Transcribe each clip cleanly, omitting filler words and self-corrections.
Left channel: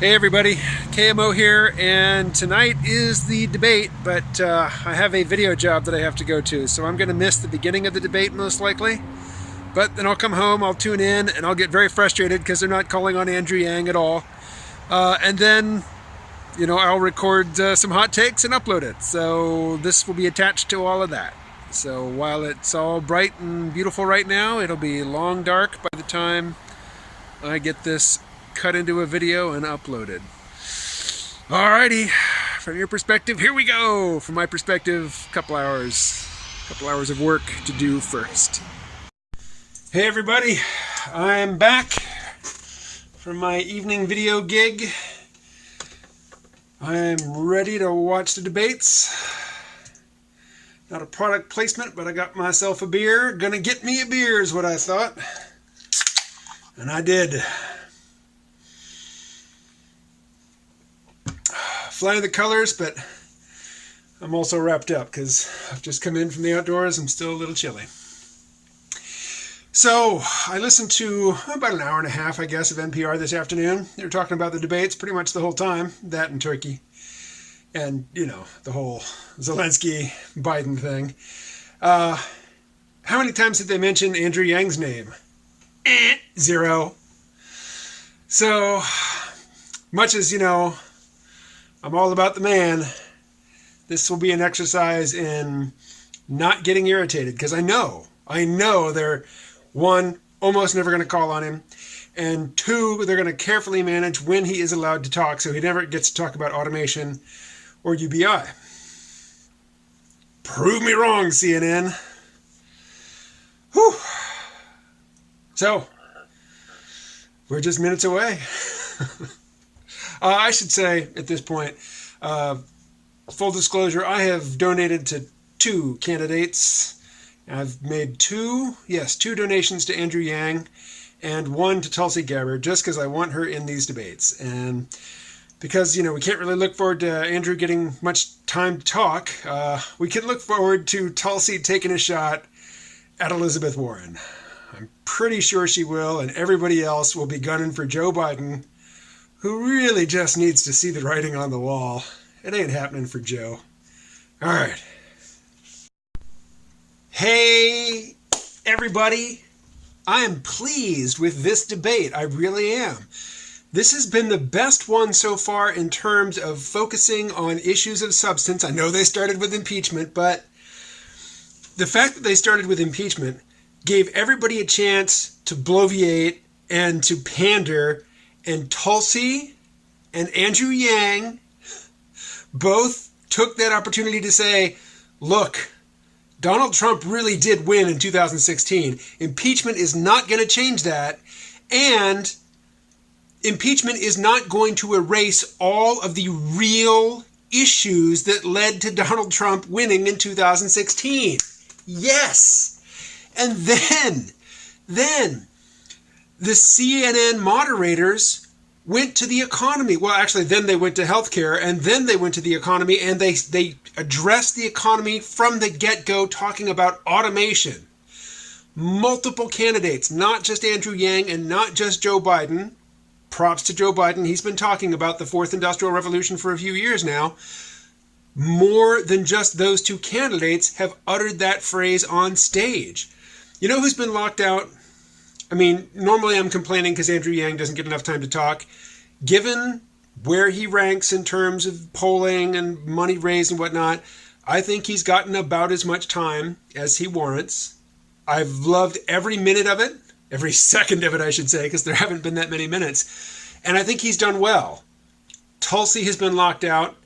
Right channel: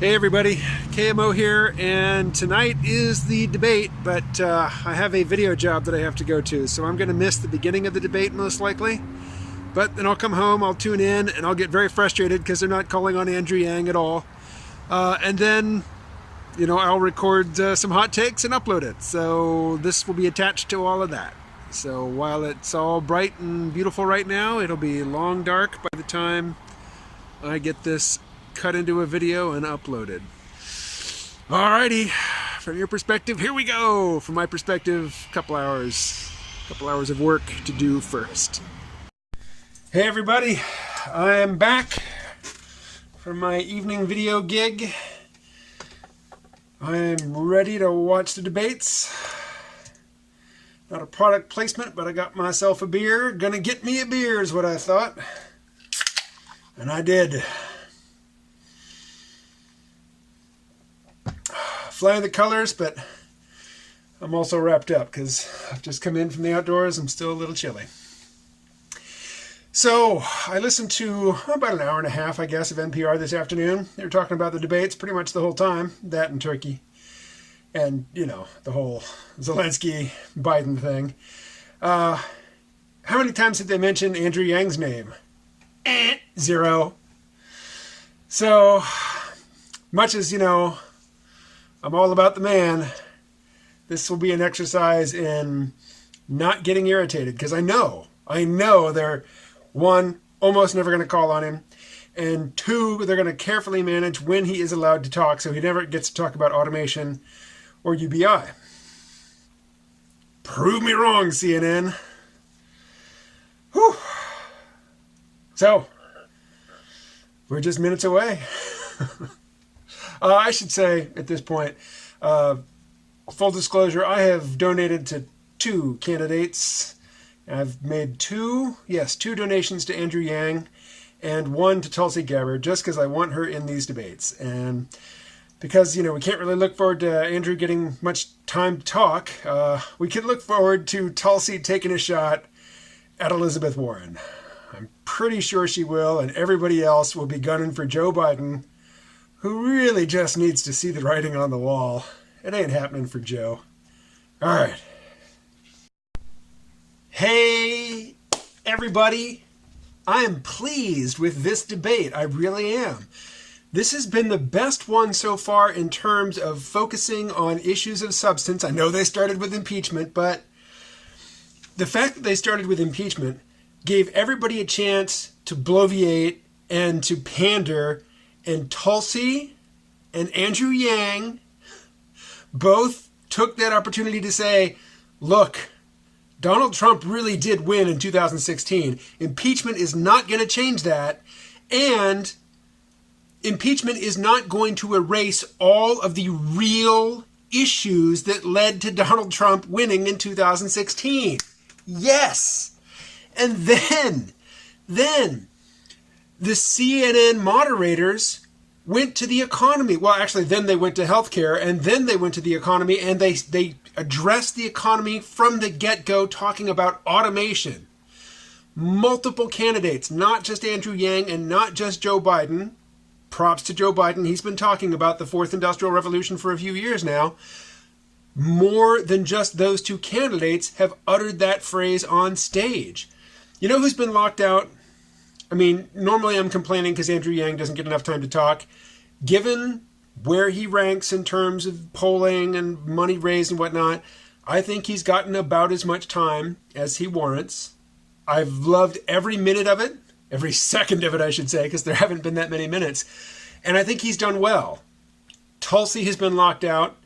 Hey everybody, KMO here, and tonight is the debate, but I have a video job that I have to go to, so I'm going to miss the beginning of the debate most likely. But then I'll come home, I'll tune in, and I'll get very frustrated because they're not calling on Andrew Yang at all. And then, I'll record some hot takes and upload it. So this will be attached to all of that. So while it's all bright and beautiful right now, it'll be long dark by the time I get this cut into a video and uploaded. Alrighty, from your perspective, here we go. From my perspective, a couple hours of work to do first. Hey everybody, I'm back from my evening video gig. I'm ready to watch the debates. Not a product placement, but I got myself a beer. Gonna get me a beer is what I thought. And I did. Flying the colors, but I'm also wrapped up because I've just come in from the outdoors. I'm still a little chilly. So I listened to about an hour and a half, I guess, of NPR this afternoon. They were talking about the debates pretty much the whole time, that and Turkey. And, the whole Zelensky-Biden thing. How many times did they mention Andrew Yang's name? Zero. So, much as, I'm all about the man, this will be an exercise in not getting irritated, because I know they're, one, almost never going to call on him, and two, they're going to carefully manage when he is allowed to talk, so he never gets to talk about automation or UBI. Prove me wrong, CNN. Whew. So, we're just minutes away. I should say at this point, full disclosure, I have donated to two candidates. I've made two donations to Andrew Yang and one to Tulsi Gabbard, just because I want her in these debates. And because, we can't really look forward to Andrew getting much time to talk, we can look forward to Tulsi taking a shot at Elizabeth Warren. I'm pretty sure she will, and everybody else will be gunning for Joe Biden, who really just needs to see the writing on the wall. It ain't happening for Joe. All right. Hey, everybody. I am pleased with this debate. I really am. This has been the best one so far in terms of focusing on issues of substance. I know they started with impeachment, but the fact that they started with impeachment gave everybody a chance to bloviate and to pander. And Tulsi and Andrew Yang both took that opportunity to say, look, Donald Trump really did win in 2016. Impeachment is not going to change that. And impeachment is not going to erase all of the real issues that led to Donald Trump winning in 2016. Yes. And then the CNN moderators went to the economy. Well, actually, then they went to healthcare, and then they went to the economy, and they addressed the economy from the get-go, talking about automation. Multiple candidates, not just Andrew Yang and not just Joe Biden. Props to Joe Biden. He's been talking about the fourth industrial revolution for a few years now. More than just those two candidates have uttered that phrase on stage. You know who's been locked out? I mean, normally I'm complaining because Andrew Yang doesn't get enough time to talk. Given where he ranks in terms of polling and money raised and whatnot, I think he's gotten about as much time as he warrants. I've loved every minute of it, every second of it, I should say, because there haven't been that many minutes. And I think he's done well. Tulsi has been locked out.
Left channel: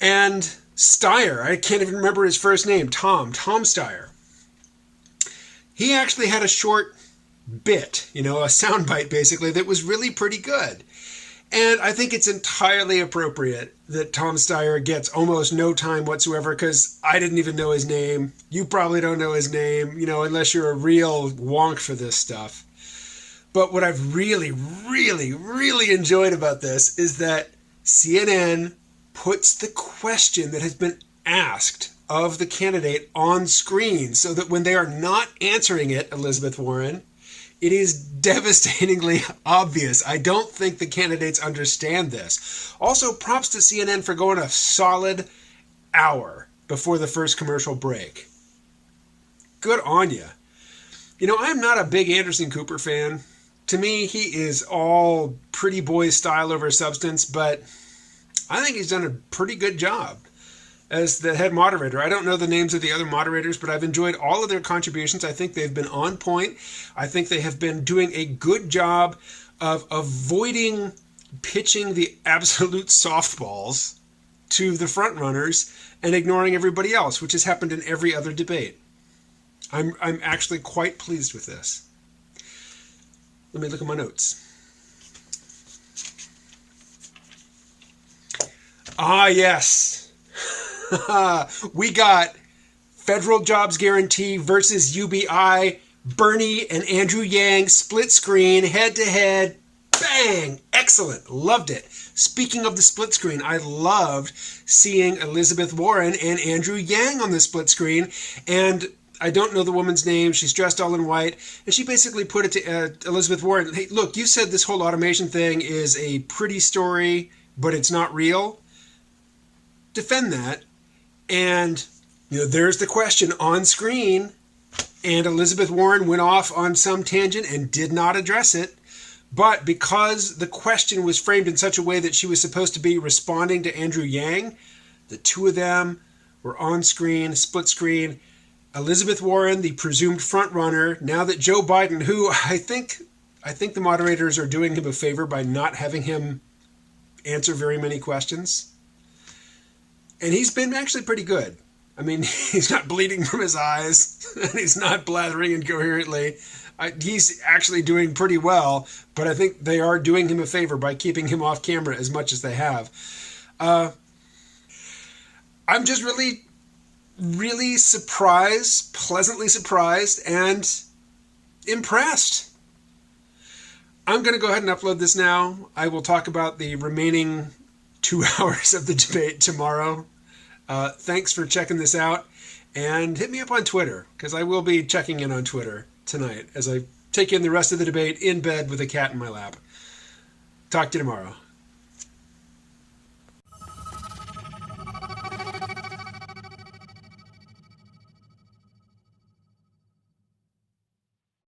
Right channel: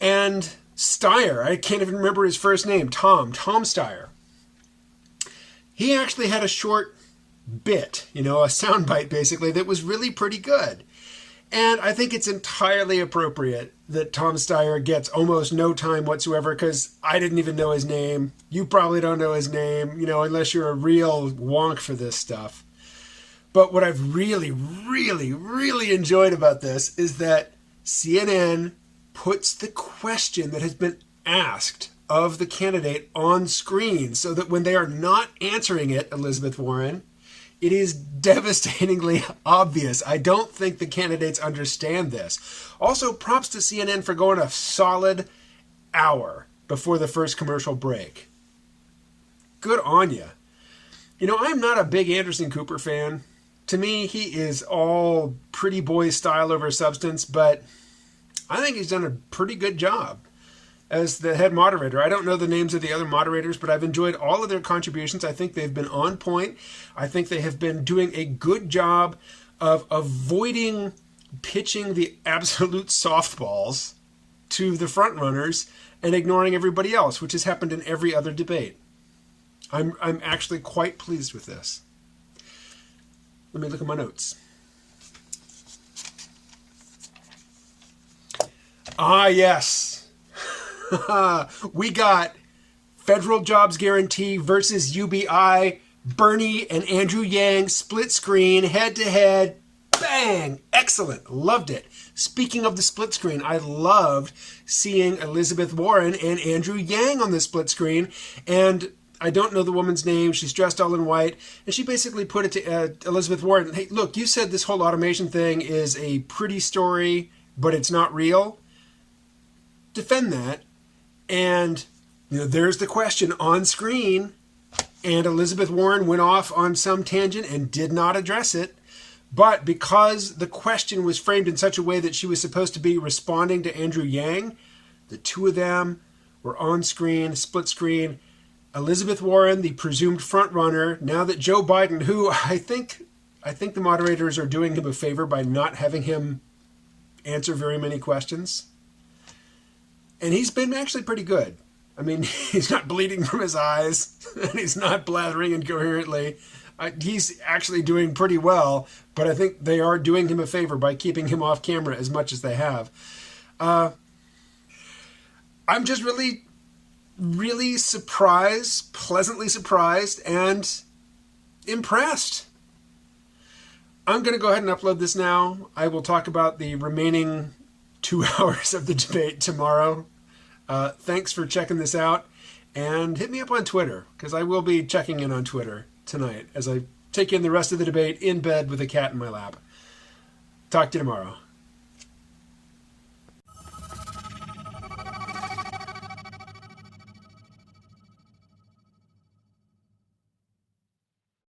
And Steyer, I can't even remember his first name, Tom Steyer. He actually had a short bit, a soundbite basically, that was really pretty good. And I think it's entirely appropriate that Tom Steyer gets almost no time whatsoever, because I didn't even know his name. You probably don't know his name, unless you're a real wonk for this stuff. But what I've really, really, really enjoyed about this is that CNN puts the question that has been asked of the candidate on screen, so that when they are not answering it, Elizabeth Warren, It is devastatingly obvious. I don't think the candidates understand this. Also, props to CNN for going a solid hour before the first commercial break. Good on you. You know, I'm not a big Anderson Cooper fan. To me, he is all pretty boy style over substance, but I think he's done a pretty good job as the head moderator. I don't know the names of the other moderators, but I've enjoyed all of their contributions. I think they've been on point. I think they have been doing a good job of avoiding pitching the absolute softballs to the front runners and ignoring everybody else, which has happened in every other debate. I'm actually quite pleased with this. Let me look at my notes. Ah, yes. We got federal jobs guarantee versus UBI. Bernie and Andrew Yang split screen, head to head. Bang! Excellent. Loved it. Speaking of the split screen, I loved seeing Elizabeth Warren and Andrew Yang on the split screen. And I don't know the woman's name. She's dressed all in white. And she basically put it to Elizabeth Warren. Hey, look, you said this whole automation thing is a pretty story, but it's not real. Defend that. And, you know, there's the question on screen. And Elizabeth Warren went off on some tangent and did not address it. But because the question was framed in such a way that she was supposed to be responding to Andrew Yang, the two of them were on screen, split screen. Elizabeth Warren, the presumed front runner, now that Joe Biden, who I think the moderators are doing him a favor by not having him answer very many questions. And he's been actually pretty good. I mean, he's not bleeding from his eyes, and he's not blathering incoherently. He's actually doing pretty well, but I think they are doing him a favor by keeping him off camera as much as they have. I'm just really surprised, pleasantly surprised, and impressed. I'm going to go ahead and upload this now. I will talk about the remaining 2 hours of the debate tomorrow. Thanks for checking this out, and hit me up on Twitter, because I will be checking in on Twitter tonight as I take in the rest of the debate in bed with a cat in my lap. Talk to you tomorrow.